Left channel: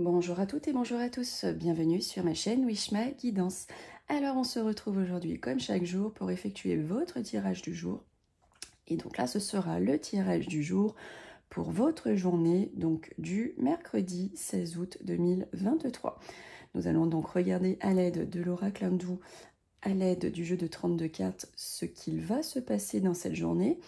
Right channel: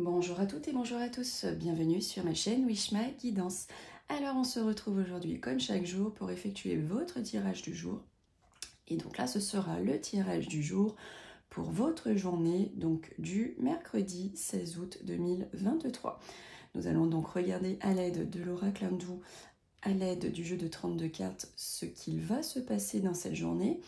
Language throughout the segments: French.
Bonjour à toutes et bonjour à tous, bienvenue sur ma chaîne Wishma Guidance. Alors on se retrouve aujourd'hui comme chaque jour pour effectuer votre tirage du jour. Et donc là ce sera le tirage du jour pour votre journée, donc du mercredi 16 août 2023. Nous allons donc regarder à l'aide de l'oracle hindou, à l'aide du jeu de 32 cartes, ce qu'il va se passer dans cette journée.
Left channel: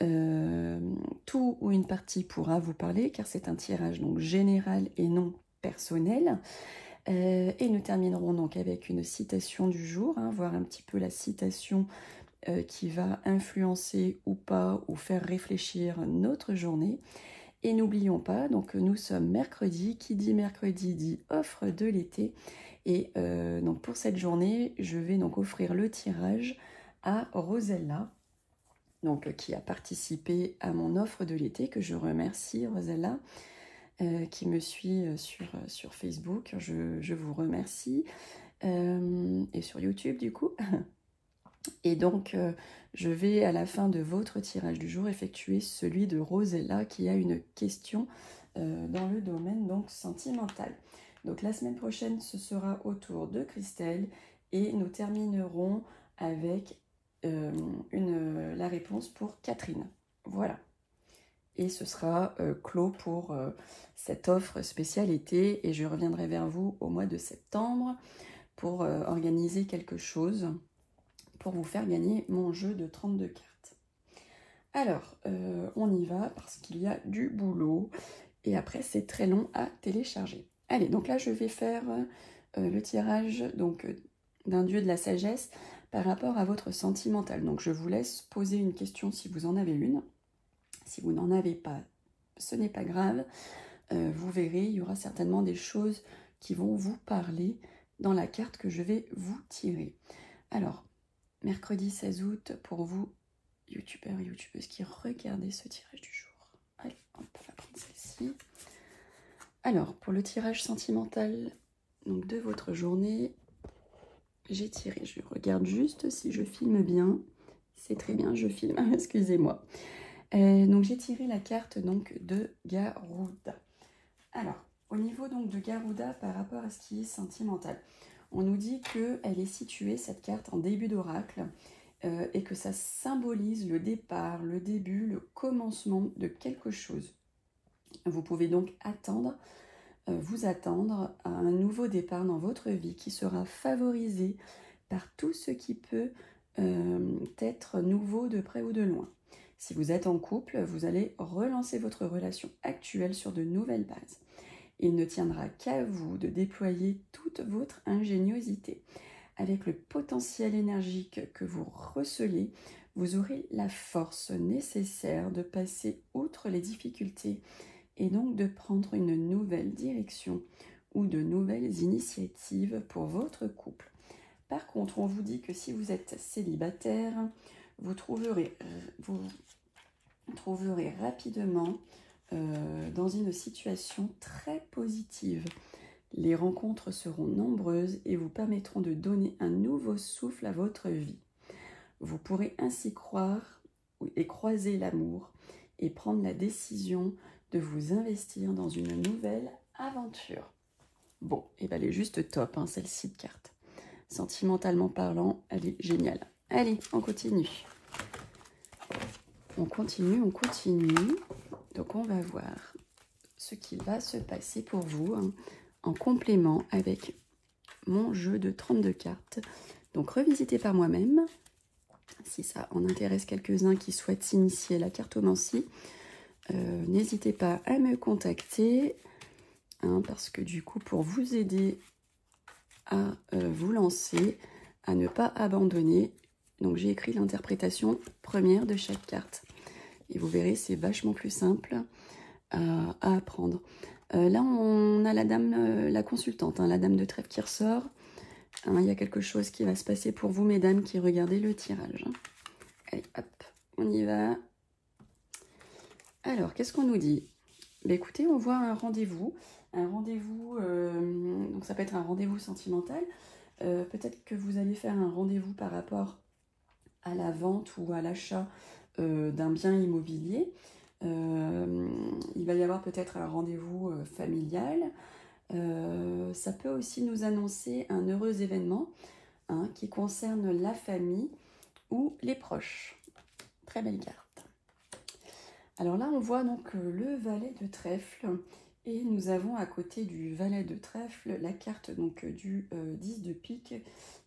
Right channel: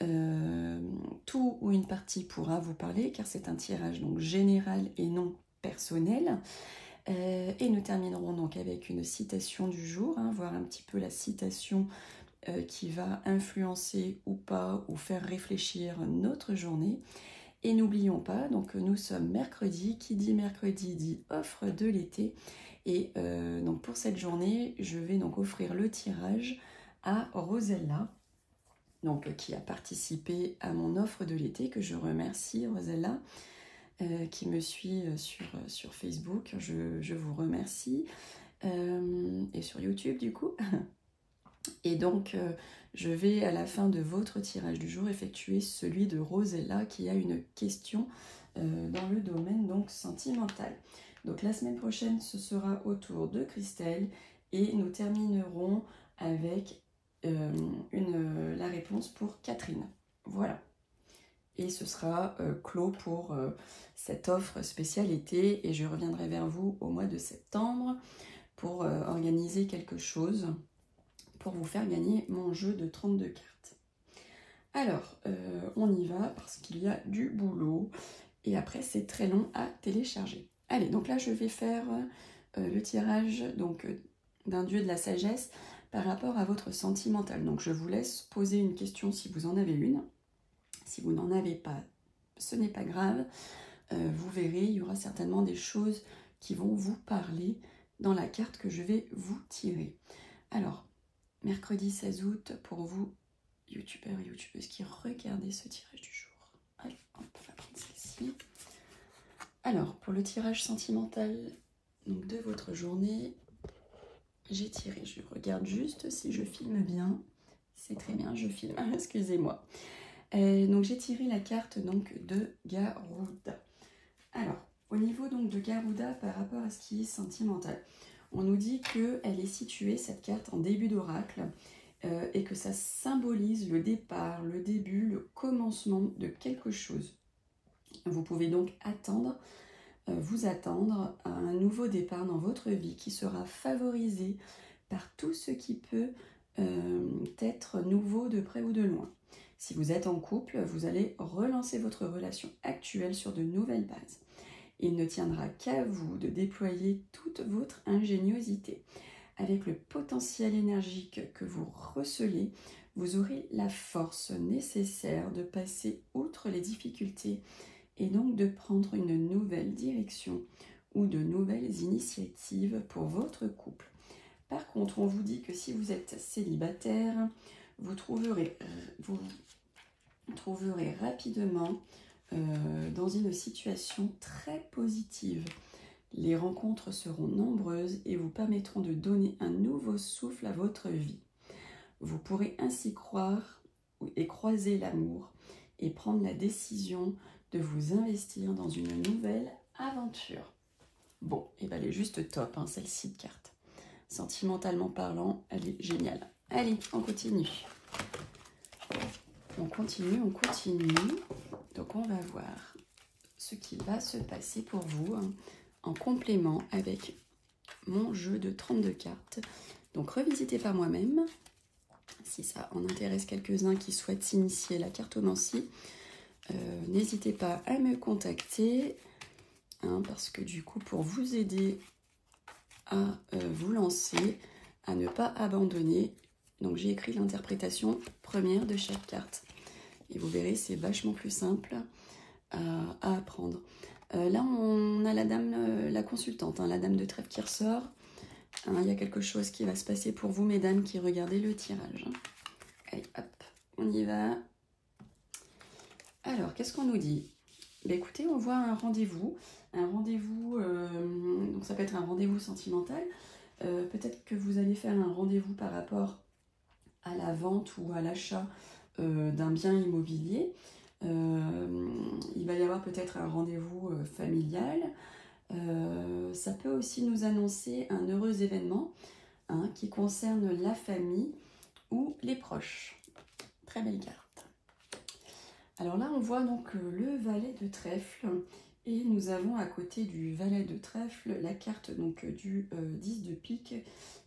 Tout ou une partie pourra vous parler car c'est un tirage donc général et non personnel. Et nous terminerons donc avec une citation du jour, voir un petit peu la citation qui va influencer ou pas ou faire réfléchir notre journée. Et n'oublions pas, donc nous sommes mercredi, qui dit mercredi dit offre de l'été. Et donc pour cette journée, je vais donc offrir le tirage à Rosella, donc, qui a participé à mon offre de l'été, que je remercie, Rosella, qui me suit sur Facebook. Je vous remercie. Et sur YouTube, du coup. Et donc, je vais, à la fin de votre tirage du jour, effectuer celui de Rosella, qui a une question dans le domaine donc sentimental. Donc, la semaine prochaine, ce sera autour de Christelle. Et nous terminerons avec la réponse pour Catherine. Voilà. Et ce sera clos pour cette offre spéciale été. Et je reviendrai vers vous au mois de septembre pour organiser quelque chose pour vous faire gagner mon jeu de 32 cartes. Alors, on y va parce qu'il y a du boulot. Et après, c'est très long à télécharger. Allez, donc là, je vais faire le tirage d'un dieu de la sagesse par rapport à votre sentimental. Donc, je vous laisse poser une question si vous en avez une. Si vous n'en avez pas, ce n'est pas grave. Vous verrez, il y aura certainement des choses qui vont vous parler dans la carte que je vais vous tirer. Alors, mercredi 16 août, pour vous, youtubeurs et youtubeuses qui regardez ce tirage du jour. Allez, on peut la prendre celle-ci. Alors, pour le tirage sentimental donc de votre journée, j'ai tiré, je regarde juste si je filme bien. C'est très bien, je filme, excusez-moi. Donc j'ai tiré la carte donc de Garuda. Alors, au niveau donc de Garuda par rapport à ce qui est sentimental, on nous dit qu'elle est située, cette carte, en début d'oracle et que ça symbolise le départ, le début, le commencement de quelque chose. Vous pouvez donc vous attendre à un nouveau départ dans votre vie qui sera favorisé par tout ce qui peut être nouveau de près ou de loin. Si vous êtes en couple, vous allez relancer votre relation actuelle sur de nouvelles bases. Il ne tiendra qu'à vous de déployer toute votre ingéniosité. Avec le potentiel énergique que vous recelez, vous aurez la force nécessaire de passer outre les difficultés et donc de prendre une nouvelle direction ou de nouvelles initiatives pour votre couple. Par contre, on vous dit que si vous êtes célibataire, vous trouverez rapidement dans une situation très positive. Les rencontres seront nombreuses et vous permettront de donner un nouveau souffle à votre vie. Vous pourrez ainsi croire et croiser l'amour et prendre la décision de vous investir dans une nouvelle aventure. Bon, et ben elle est juste top, celle-ci de carte. Sentimentalement parlant, elle est géniale. Allez, on continue. On continue. Donc on va voir ce qui va se passer pour vous en complément avec mon jeu de 32 cartes. Donc revisité par moi-même. Si ça en intéresse quelques-uns qui souhaitent s'initier à la cartomancie, n'hésitez pas à me contacter parce que du coup pour vous aider à vous lancer, à ne pas abandonner. Donc j'ai écrit l'interprétation première de chaque carte. Et vous verrez, c'est vachement plus simple à apprendre. Là, on a la dame, la consultante, la dame de trèfle qui ressort. Il y a quelque chose qui va se passer pour vous, mesdames, qui regardez le tirage. Allez, hop, on y va. Alors, qu'est-ce qu'on nous dit? Écoutez, on voit un rendez-vous. Donc ça peut être un rendez-vous sentimental. Peut-être que vous allez faire un rendez-vous par rapport à la vente ou à l'achat d'un bien immobilier. Il va y avoir peut-être un rendez-vous familial. Ça peut aussi nous annoncer un heureux événement hein, qui concerne la famille ou les proches. Très belle carte. Alors là, on voit donc le valet de trèfle et nous avons à côté du valet de trèfle la carte donc du 10 de pique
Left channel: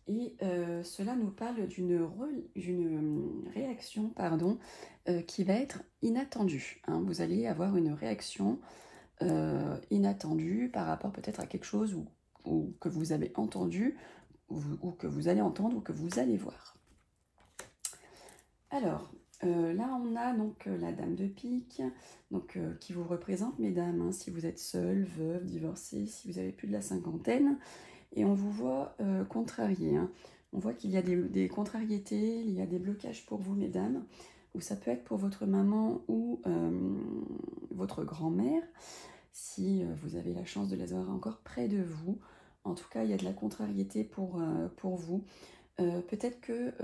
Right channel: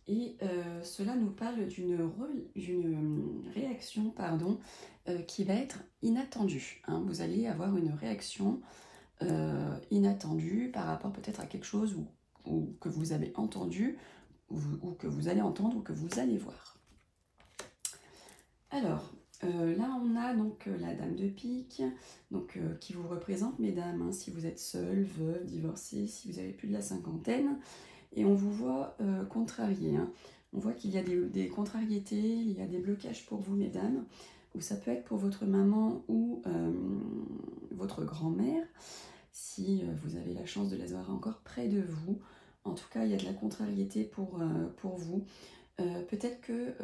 et cela nous parle d'une réaction pardon, qui va être inattendue. Hein. Vous allez avoir une réaction inattendue par rapport peut-être à quelque chose ou que vous avez entendu ou que vous allez entendre ou que vous allez voir. Alors, là, on a donc la dame de pique, donc, qui vous représente, mesdames, hein, si vous êtes seule, veuve, divorcée, si vous avez plus de la cinquantaine. Et on vous voit contrarié. Hein. On voit qu'il y a des contrariétés, il y a des blocages pour vous, mesdames, ou ça peut être pour votre maman ou votre grand-mère, si vous avez la chance de les avoir encore près de vous. En tout cas, il y a de la contrariété pour vous. Peut-être que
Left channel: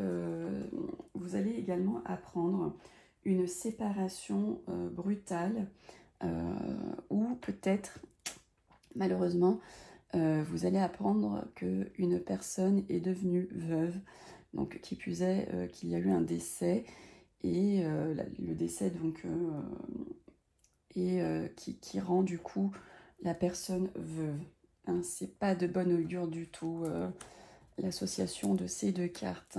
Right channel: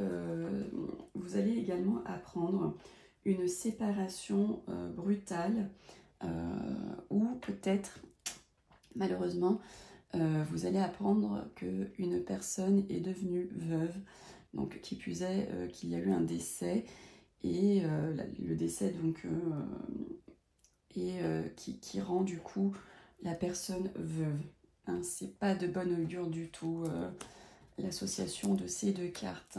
vous allez également apprendre une séparation brutale ou peut-être, malheureusement, vous allez apprendre qu'une personne est devenue veuve, donc qui plus est qu'il y a eu un décès et le décès donc qui rend du coup la personne veuve. Hein, c'est pas de bonne augure du tout. L'association de ces deux cartes.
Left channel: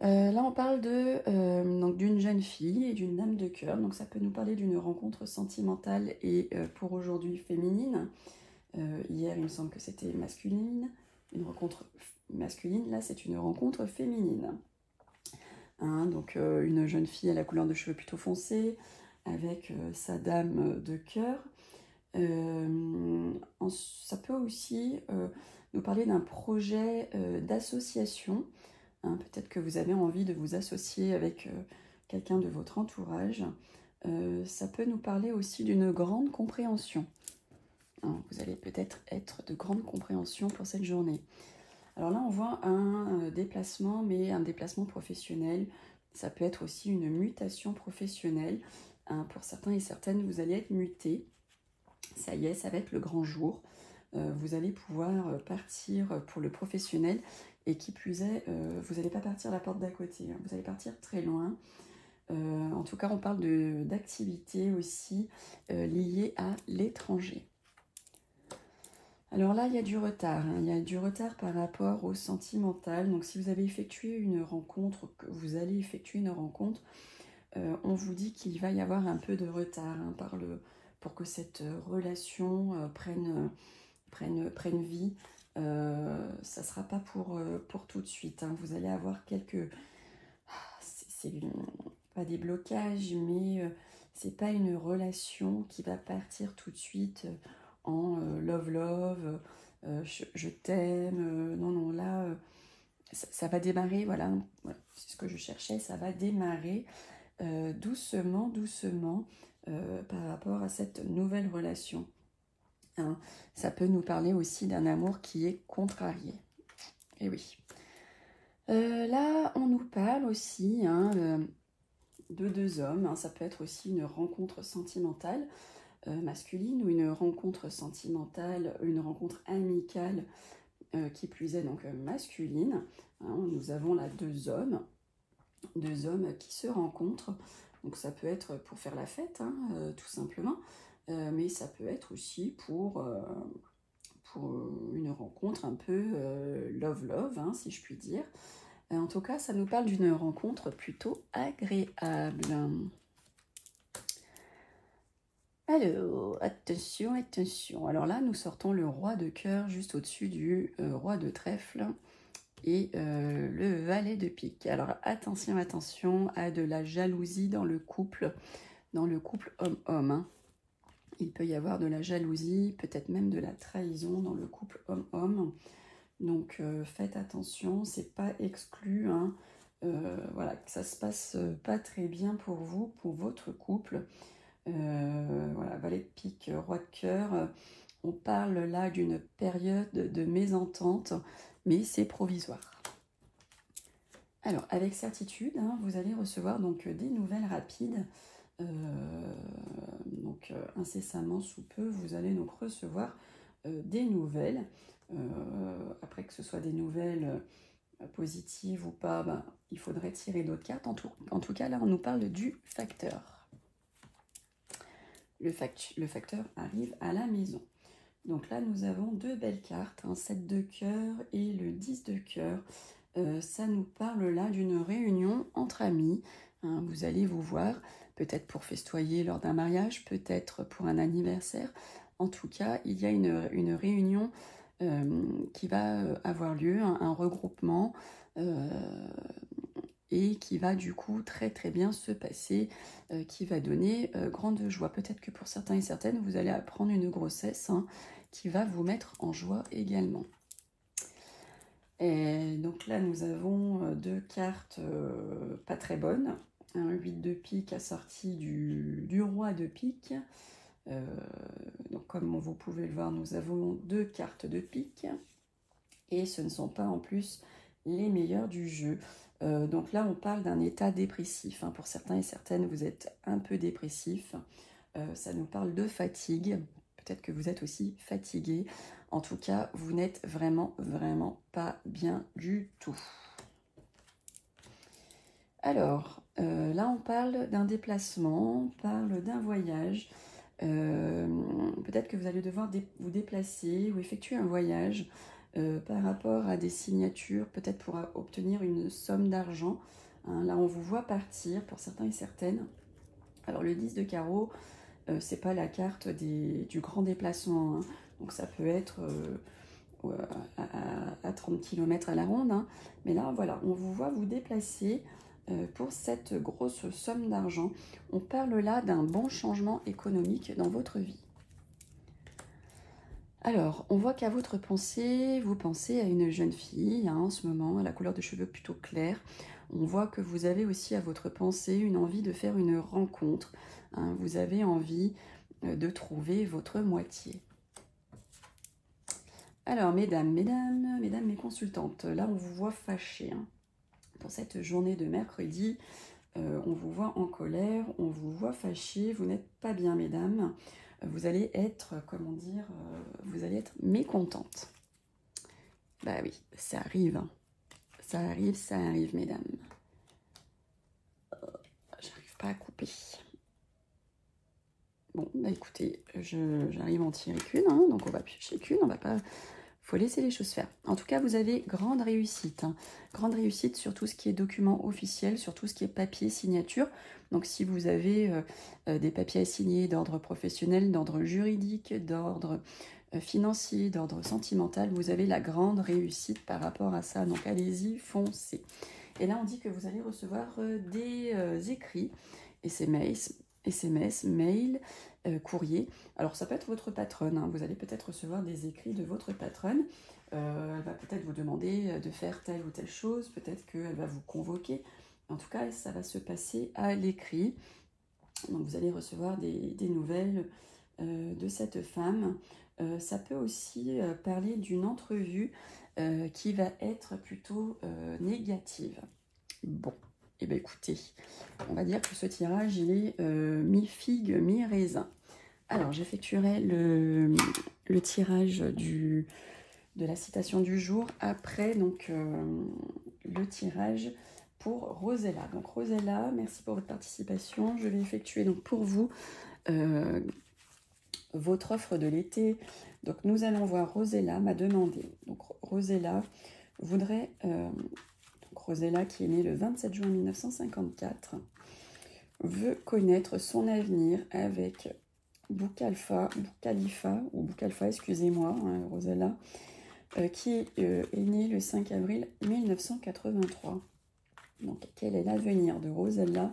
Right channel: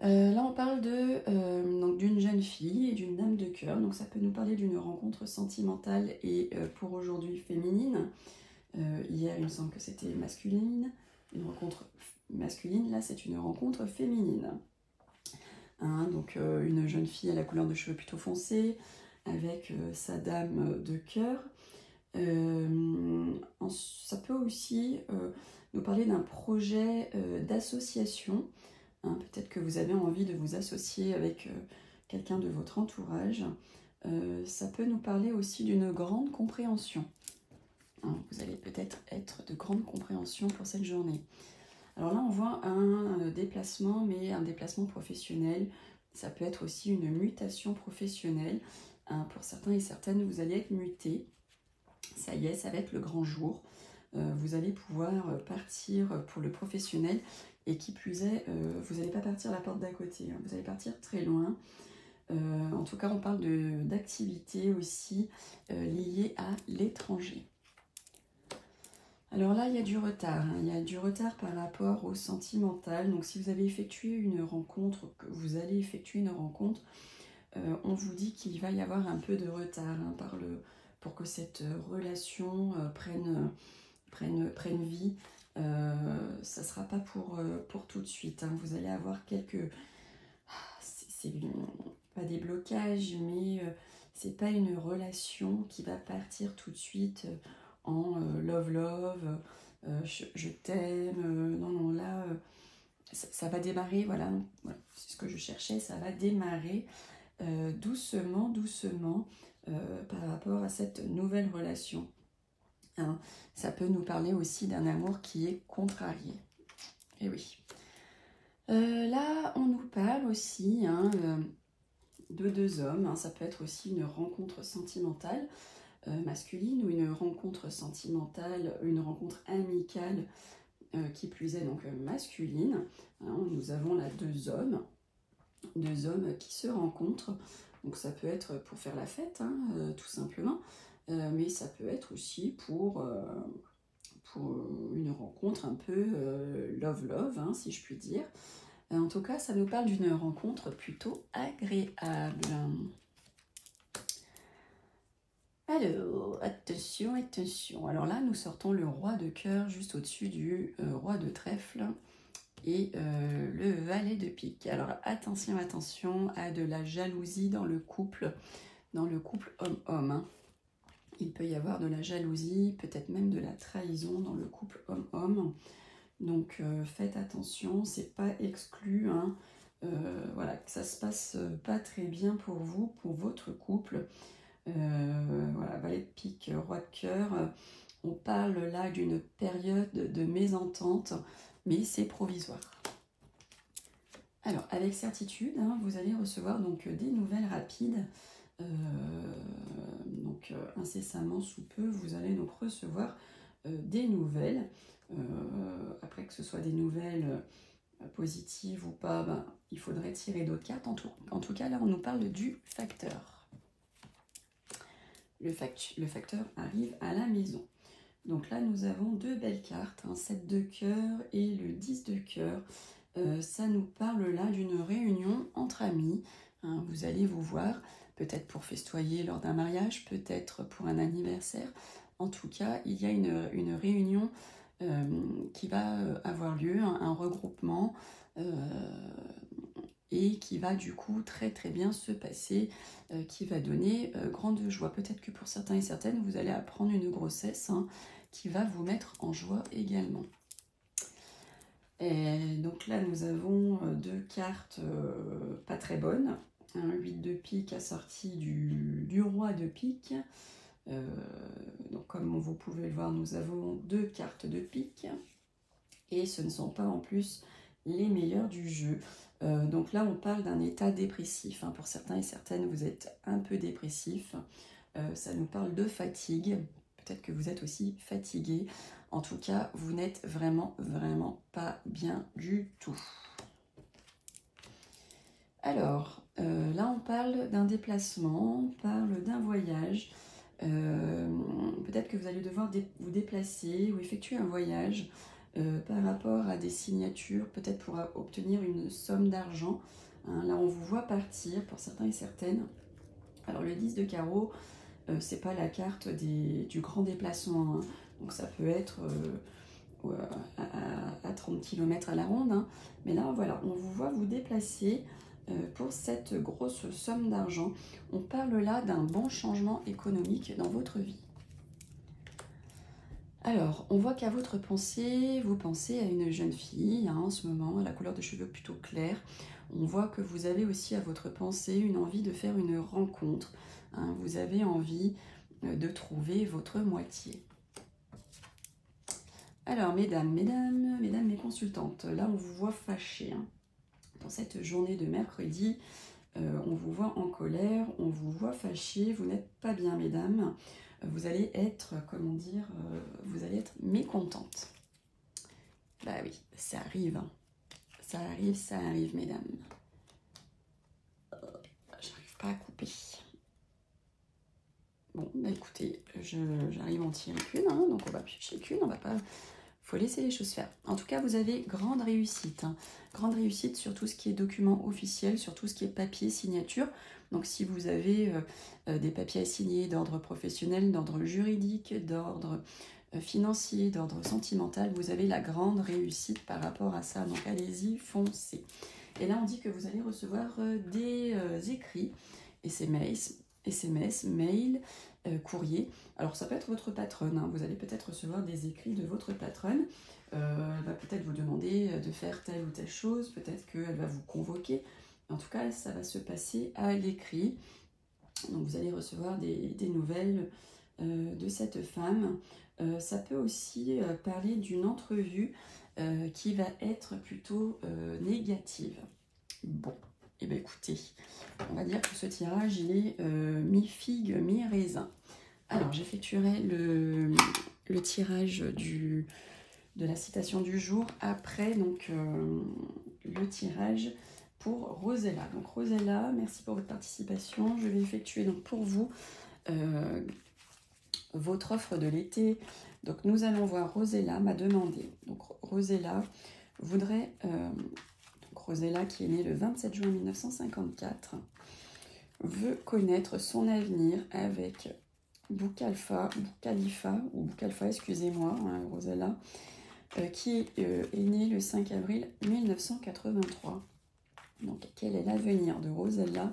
Là, on parle d'une jeune fille et d'une dame de cœur. Donc, ça peut nous parler d'une rencontre sentimentale et pour aujourd'hui féminine. Hier, il me semble que c'était masculine. Une rencontre masculine, là, c'est une rencontre féminine. Hein, donc, une jeune fille à la couleur de cheveux plutôt foncée avec sa dame de cœur. Ça peut aussi nous parler d'un projet d'association. Hein, peut-être que vous avez envie de vous associer avec quelqu'un de votre entourage. Ça peut nous parler aussi d'une grande compréhension. Hein, vous allez peut-être être de grande compréhension pour cette journée. Alors là, on voit un déplacement, mais un déplacement professionnel. Ça peut être aussi une mutation professionnelle. Hein, pour certains et certaines, vous allez être mutés. Ça y est, ça va être le grand jour. Vous allez pouvoir partir pour le professionnel et qui plus est, vous n'allez pas partir la porte d'à côté, hein, vous allez partir très loin. En tout cas, on parle d'activités aussi liées à l'étranger. Alors là, il y a du retard. Hein, il y a du retard par rapport au sentimental. Donc, si vous avez effectué une rencontre, que vous allez effectuer une rencontre, on vous dit qu'il va y avoir un peu de retard hein, pour que cette relation prenne vie. Ça ne sera pas pour tout de suite. Hein. Vous allez avoir quelques... c'est pas des blocages, mais c'est pas une relation qui va partir tout de suite en love, je t'aime. Non, là, ça va démarrer, voilà c'est ce que je cherchais, ça va démarrer doucement, par rapport à cette nouvelle relation. Hein, ça peut nous parler aussi d'un amour qui est contrarié. Et oui. Là, on nous parle aussi hein, de deux hommes. Hein, ça peut être aussi une rencontre sentimentale masculine ou une rencontre sentimentale, une rencontre amicale qui plus est donc masculine. Hein, nous avons là deux hommes qui se rencontrent. Donc ça peut être pour faire la fête, hein, tout simplement. Mais ça peut être aussi pour une rencontre un peu love, hein, si je puis dire. En tout cas, ça nous parle d'une rencontre plutôt agréable. Alors, attention. Alors là, nous sortons le roi de cœur juste au-dessus du roi de trèfle et le valet de pique. Alors attention à de la jalousie dans le couple homme-homme. Hein. Il peut y avoir de la jalousie, peut-être même de la trahison dans le couple homme-homme. Donc faites attention, c'est pas exclu. Hein. Voilà, que ça se passe pas très bien pour vous, pour votre couple. Voilà, valet de pique, roi de cœur. On parle là d'une période de mésentente, mais c'est provisoire. Alors, avec certitude, hein, vous allez recevoir donc des nouvelles rapides. Incessamment sous peu, vous allez donc recevoir des nouvelles. Après, que ce soit des nouvelles positives ou pas, ben, il faudrait tirer d'autres cartes. En tout cas, là, on nous parle du facteur. Le facteur arrive à la maison. Donc là, nous avons deux belles cartes, un 7 de cœur et le 10 de cœur. Ça nous parle là d'une réunion entre amis. Hein, vous allez vous voir, peut-être pour festoyer lors d'un mariage, peut-être pour un anniversaire. En tout cas, il y a une réunion qui va avoir lieu, un regroupement, et qui va du coup très très bien se passer, qui va donner grande joie. Peut-être que pour certains et certaines, vous allez apprendre une grossesse hein, qui va vous mettre en joie également. Et donc là, nous avons deux cartes pas très bonnes. Un 8 de pique assorti du roi de pique. Donc comme vous pouvez le voir, nous avons deux cartes de pique. Et ce ne sont pas en plus les meilleures du jeu. Donc là, on parle d'un état dépressif. Hein. Pour certains et certaines, vous êtes un peu dépressif. Ça nous parle de fatigue. Peut-être que vous êtes aussi fatigué. En tout cas, vous n'êtes vraiment pas bien du tout. Alors, là, on parle d'un déplacement, on parle d'un voyage. Peut-être que vous allez devoir vous déplacer ou effectuer un voyage par rapport à des signatures, peut-être pour obtenir une somme d'argent. Hein, là, on vous voit partir pour certains et certaines. Alors, le 10 de carreau, c'est pas la carte du grand déplacement. Hein. Donc, ça peut être à 30 km à la ronde. Hein. Mais là, voilà, on vous voit vous déplacer pour cette grosse somme d'argent. On parle là d'un bon changement économique dans votre vie. Alors, on voit qu'à votre pensée, vous pensez à une jeune fille hein, en ce moment, à la couleur de cheveux plutôt claire. On voit que vous avez aussi à votre pensée une envie de faire une rencontre. Hein, vous avez envie de trouver votre moitié. Alors, mesdames, mes consultantes, là, on vous voit fâchées. Hein. Pour cette journée de mercredi, on vous voit en colère, on vous voit fâchées, vous n'êtes pas bien, mesdames. Vous allez être, comment dire, vous allez être mécontente. Bah oui, ça arrive. Ça arrive, mesdames. J'arrive pas à couper. Bon, bah écoutez, j'arrive à en tirer qu'une, hein, donc on va piocher qu'une, on va pas... Faut laisser les choses faire. En tout cas, vous avez grande réussite. Hein. Grande réussite sur tout ce qui est document officiel, sur tout ce qui est papier, signature. Donc, si vous avez des papiers à signer d'ordre professionnel, d'ordre juridique, d'ordre financier, d'ordre sentimental, vous avez la grande réussite par rapport à ça. Donc, allez-y, foncez. Et là, on dit que vous allez recevoir des écrits, SMS, mails, courrier. Alors, ça peut être votre patronne. Hein. Vous allez peut-être recevoir des écrits de votre patronne. Elle va peut-être vous demander de faire telle ou telle chose. Peut-être qu'elle va vous convoquer. En tout cas, ça va se passer à l'écrit. Donc, vous allez recevoir des nouvelles de cette femme. Ça peut aussi parler d'une entrevue qui va être plutôt négative. Bon, et bien écoutez, on va dire que ce tirage, il est mi-figue, mi-raisin. Alors, j'effectuerai le tirage de la citation du jour après donc, le tirage pour Rosella. Donc Rosella, merci pour votre participation. Je vais effectuer donc pour vous votre offre de l'été. Donc nous allons voir, Rosella m'a demandé. Donc Rosella voudrait, Rosella qui est née le 27 juin 1954, veut connaître son avenir avec Boukhalifa, excusez-moi, hein, Rosella, qui est née le 5 avril 1983. Donc, quel est l'avenir de Rosella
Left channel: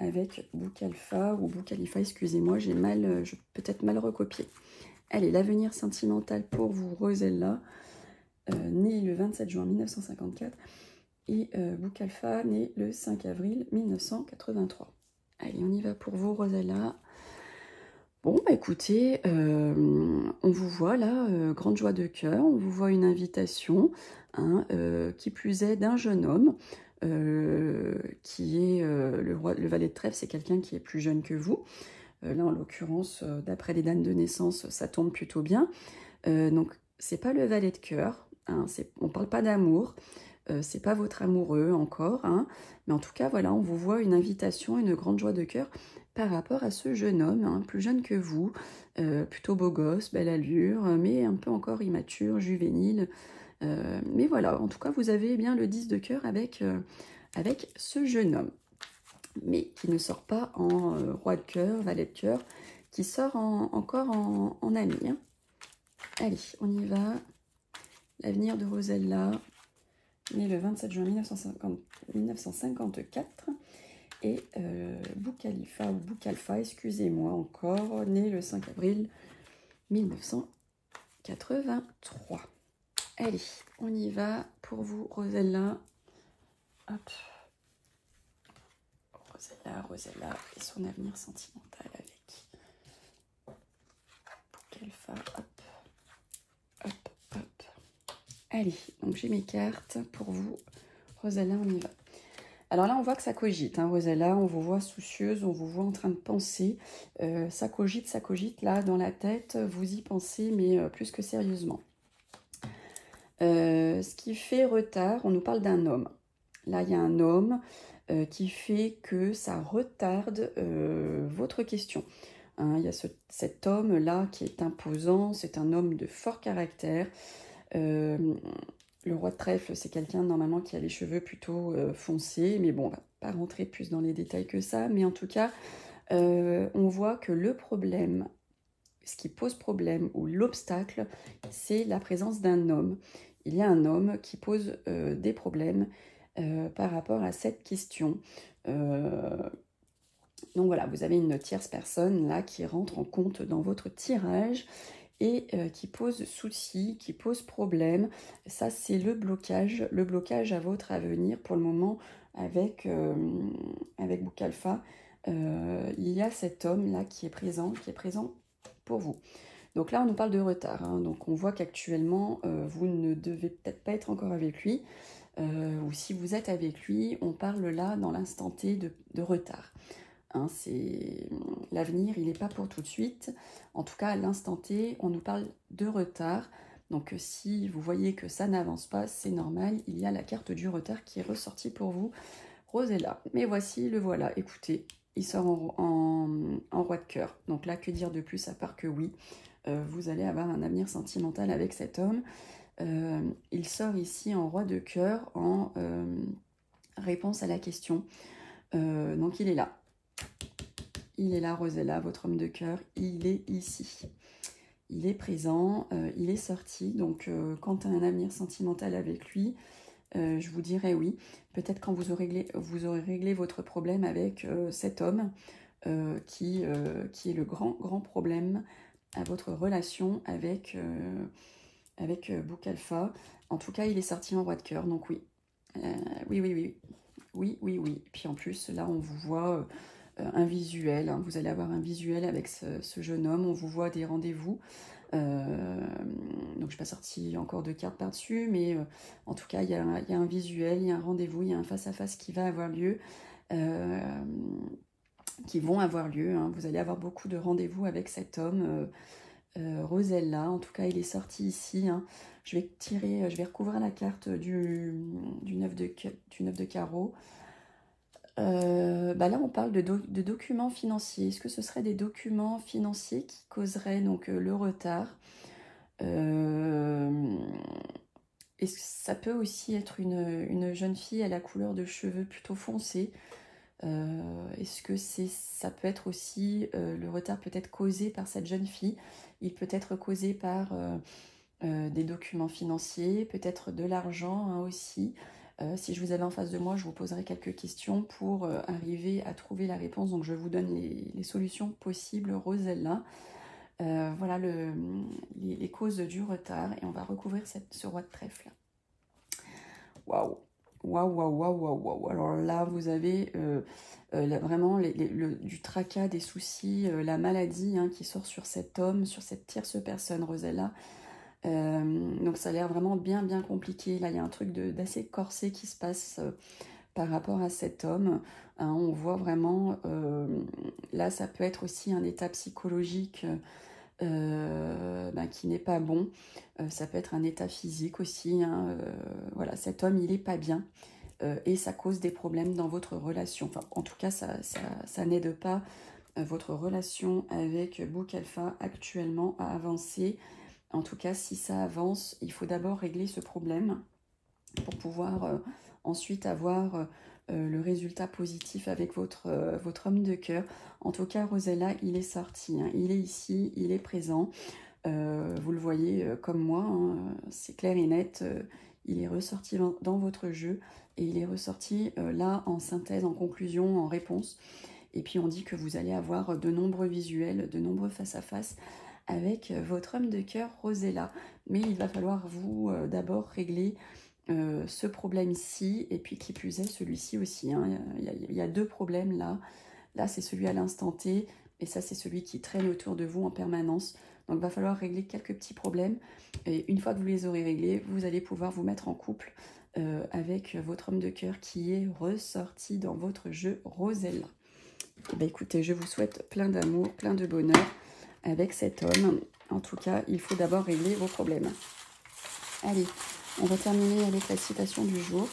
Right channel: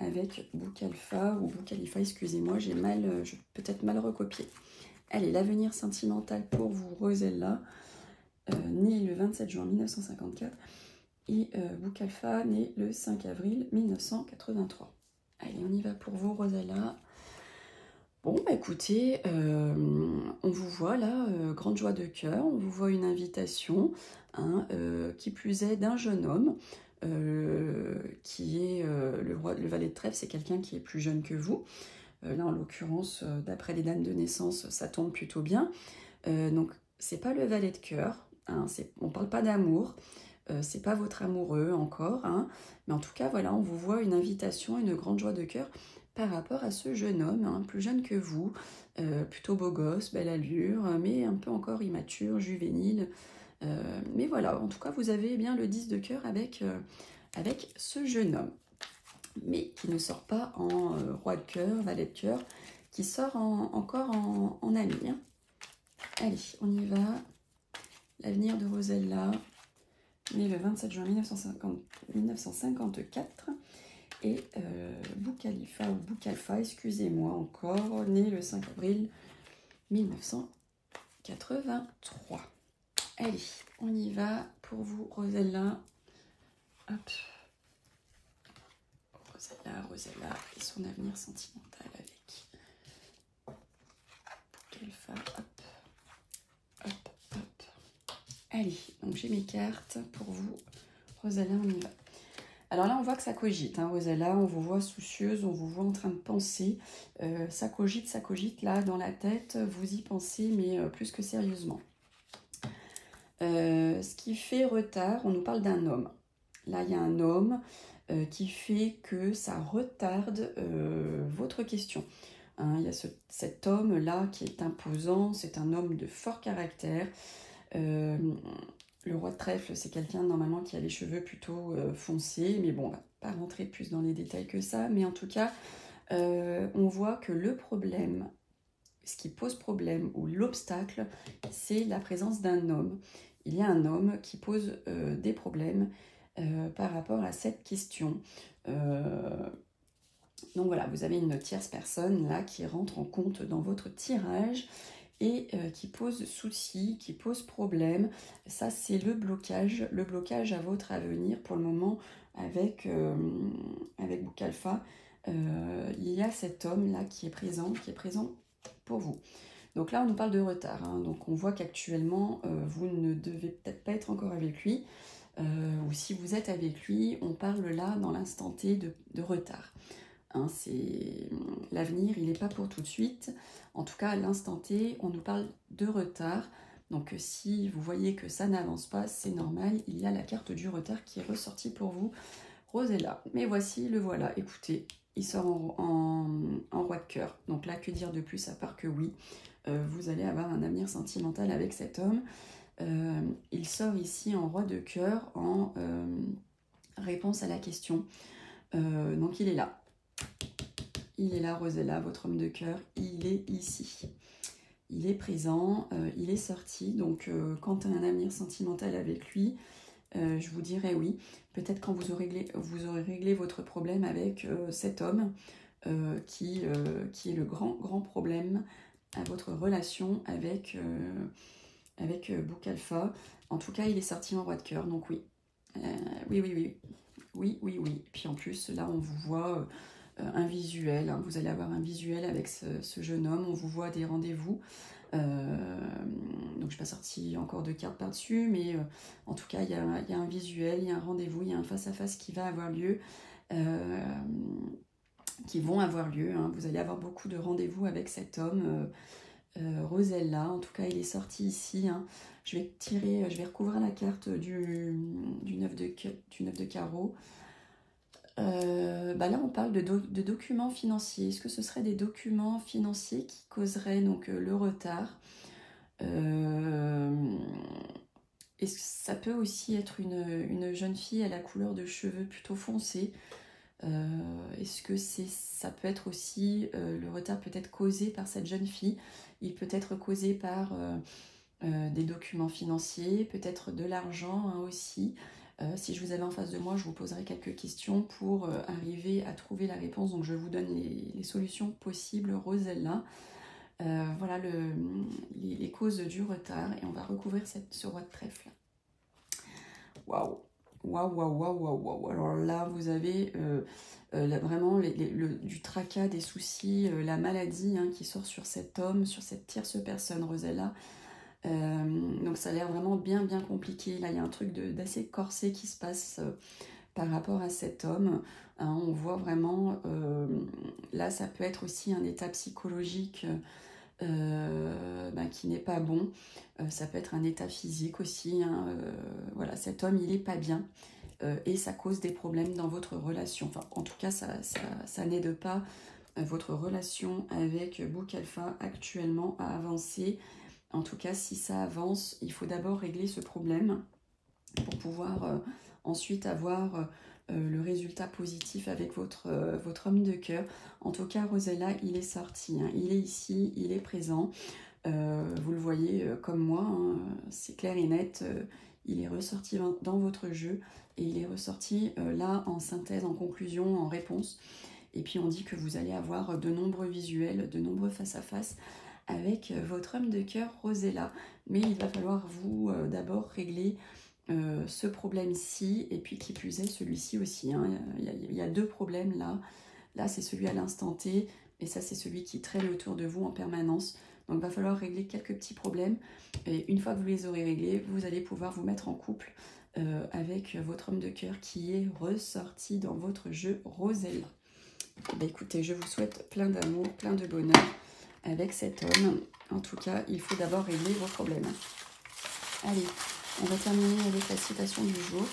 avec Boukhalifa ou Boukhalifa, excusez-moi, j'ai peut-être mal recopié. Allez, l'avenir sentimental pour vous, Rosella, née le 27 juin 1954, et Boukhalifa, né le 5 avril 1983. Allez, on y va pour vous, Rosella. Bon, bah écoutez, on vous voit là, grande joie de cœur, on vous voit une invitation, hein, qui plus est d'un jeune homme, qui est le valet de trèfle, c'est quelqu'un qui est plus jeune que vous. Là, en l'occurrence, d'après les dates de naissance, ça tombe plutôt bien. Donc, c'est pas le valet de cœur, hein, on parle pas d'amour, c'est pas votre amoureux encore, hein, mais en tout cas, voilà, on vous voit une invitation, une grande joie de cœur par rapport à ce jeune homme, hein, plus jeune que vous, plutôt beau gosse, belle allure, mais un peu encore immature, juvénile. Mais voilà, en tout cas, vous avez bien le 10 de cœur avec ce jeune homme, mais qui ne sort pas en roi de cœur, valet de cœur, qui sort encore en ami. Hein. Allez, on y va. L'avenir de Rosella, né le 27 juin 1954. Et Boukhalifa, ou Boukhalifa, excusez-moi encore, né le 5 avril 1983. Allez, on y va pour vous, Rosella. Hop. Rosella et son avenir sentimental avec Boukhalifa. Hop. Hop, hop. Allez, donc j'ai mes cartes pour vous. Rosella, on y va. Alors là, on voit que ça cogite, hein, Rosella, on vous voit soucieuse, on vous voit en train de penser. Ça cogite, là, dans la tête, vous y pensez, mais plus que sérieusement. Ce qui fait retard, on nous parle d'un homme. Là, il y a un homme qui fait que ça retarde votre question. Hein, il y a cet homme-là qui est imposant, c'est un homme de fort caractère. Le roi de trèfle, c'est quelqu'un normalement qui a les cheveux plutôt foncés, mais bon, on va pas rentrer plus dans les détails que ça, mais en tout cas, on voit que le problème, ce qui pose problème ou l'obstacle, c'est la présence d'un homme. Il y a un homme qui pose des problèmes par rapport à cette question. Donc voilà, vous avez une tierce personne là qui rentre en compte dans votre tirage et qui pose souci, qui pose problème. Ça, c'est le blocage à votre avenir pour le moment avec Boukhalifa. Il y a cet homme-là qui est présent pour vous. Donc là, on nous parle de retard. Hein. Donc on voit qu'actuellement, vous ne devez peut-être pas être encore avec lui. Ou si vous êtes avec lui, on parle là, dans l'instant T, de retard. Hein, l'avenir, il n'est pas pour tout de suite. En tout cas, à l'instant T, on nous parle de retard. Donc, si vous voyez que ça n'avance pas, c'est normal. Il y a la carte du retard qui est ressortie pour vous, Rosella. Mais voici, le voilà. Écoutez, il sort en roi de cœur. Donc là, que dire de plus à part que oui, vous allez avoir un avenir sentimental avec cet homme. Il sort ici en roi de cœur en réponse à la question. Donc, il est là. Il est là, Rosella, votre homme de cœur, il est ici. Il est présent, il est sorti. Donc, quant à un avenir sentimental avec lui, je vous dirais oui. Peut-être quand vous aurez réglé votre problème avec cet homme qui est le grand problème à votre relation avec Boukhalifa. En tout cas, il est sorti en roi de cœur, donc oui. Oui. Puis en plus, là, on vous voit un visuel. Hein. Vous allez avoir un visuel avec ce jeune homme. On vous voit des rendez-vous. Donc, je n'ai pas sorti encore de cartes par-dessus, mais en tout cas, il y a un visuel, il y a un rendez-vous, il y a un face-à-face qui va avoir lieu, qui vont avoir lieu. Hein. Vous allez avoir beaucoup de rendez-vous avec cet homme, Rosella. En tout cas, il est sorti ici. Hein. Je vais recouvrir la carte du 9 de carreau. Là, on parle de documents financiers. Est-ce que ce serait des documents financiers qui causeraient donc le retard? Est-ce que ça peut aussi être une jeune fille à la couleur de cheveux plutôt foncés? Est-ce que ça peut être aussi le retard peut être causé par cette jeune fille? Il peut être causé par des documents financiers, peut-être de l'argent hein, aussi. Si je vous avais en face de moi, je vous poserai quelques questions pour arriver à trouver la réponse. Donc, je vous donne les solutions possibles, Rosella. Voilà les causes du retard. Et on va recouvrir ce roi de trèfle. Waouh! Alors là, vous avez vraiment du tracas, des soucis, la maladie hein, qui sort sur cet homme, sur cette tierce personne, Rosella. Donc ça a l'air vraiment bien compliqué. Là, il y a un truc d'assez corsé qui se passe par rapport à cet homme. Hein, on voit vraiment, là, ça peut être aussi un état psychologique qui n'est pas bon. Ça peut être un état physique aussi, hein, voilà, cet homme, il n'est pas bien. Et ça cause des problèmes dans votre relation. Enfin, en tout cas, ça n'aide pas votre relation avec Book Alpha actuellement à avancer. En tout cas, si ça avance, il faut d'abord régler ce problème pour pouvoir ensuite avoir le résultat positif avec votre homme de cœur. En tout cas, Rosella, il est sorti, hein. Il est ici, il est présent. Vous le voyez comme moi, hein, c'est clair et net. Il est ressorti dans votre jeu et il est ressorti là en synthèse, en conclusion, en réponse. Et puis on dit que vous allez avoir de nombreux visuels, de nombreux face-à-face avec votre homme de cœur Rosella. Mais il va falloir vous d'abord régler ce problème-ci, et puis qui plus est celui-ci aussi, hein. Il y a deux problèmes là. Là c'est celui à l'instant T, et ça c'est celui qui traîne autour de vous en permanence. Donc il va falloir régler quelques petits problèmes, et une fois que vous les aurez réglés, vous allez pouvoir vous mettre en couple avec votre homme de cœur qui est ressorti dans votre jeu Rosella. Ben écoutez, je vous souhaite plein d'amour, plein de bonheur avec cet homme. En tout cas, il faut d'abord régler vos problèmes. Allez, on va terminer avec la citation du jour.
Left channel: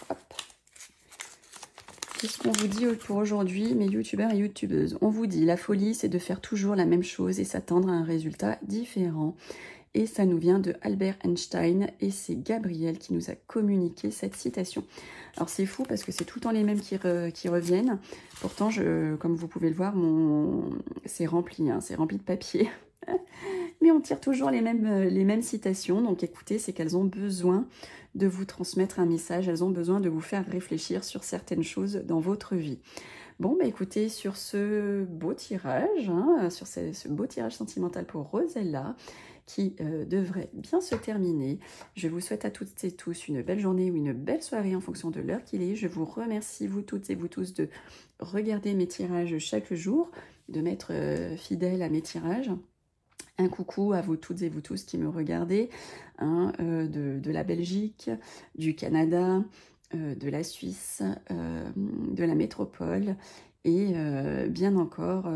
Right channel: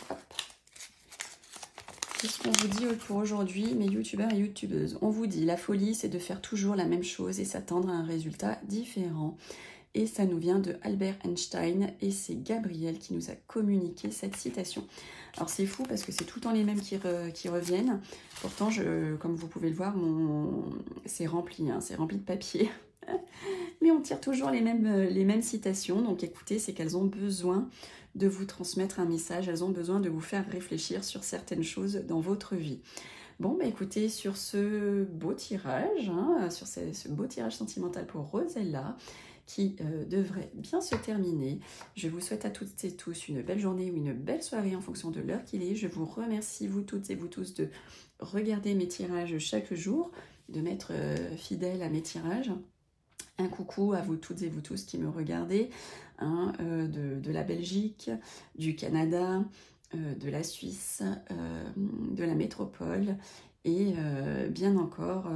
Qu'est-ce qu'on vous dit pour aujourd'hui, mes youtubeurs et youtubeuses? On vous dit, la folie, c'est de faire toujours la même chose et s'attendre à un résultat différent. Et ça nous vient de Albert Einstein, et c'est Gabriel qui nous a communiqué cette citation. Alors c'est fou parce que c'est tout le temps les mêmes qui reviennent. Pourtant, comme vous pouvez le voir, c'est rempli, hein, c'est rempli de papier. Mais on tire toujours les mêmes citations. Donc écoutez, c'est qu'elles ont besoin de vous transmettre un message. Elles ont besoin de vous faire réfléchir sur certaines choses dans votre vie. Bon, bah écoutez, sur ce beau tirage, hein, sur ce beau tirage sentimental pour Rosella, qui devrait bien se terminer. Je vous souhaite à toutes et tous une belle journée ou une belle soirée en fonction de l'heure qu'il est. Je vous remercie, vous toutes et vous tous, de regarder mes tirages chaque jour, de m'être fidèle à mes tirages. Un coucou à vous toutes et vous tous qui me regardez, hein, de la Belgique, du Canada, de la Suisse, de la métropole, et bien encore,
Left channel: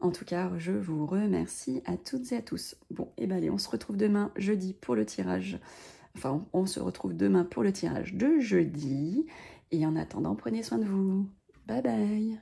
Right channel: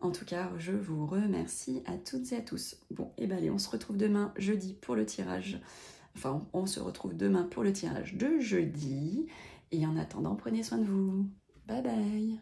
en tout cas, je vous remercie à toutes et à tous. Bon, et bien allez, on se retrouve demain, jeudi, pour le tirage. Enfin, on se retrouve demain pour le tirage de jeudi. Et en attendant, prenez soin de vous. Bye bye.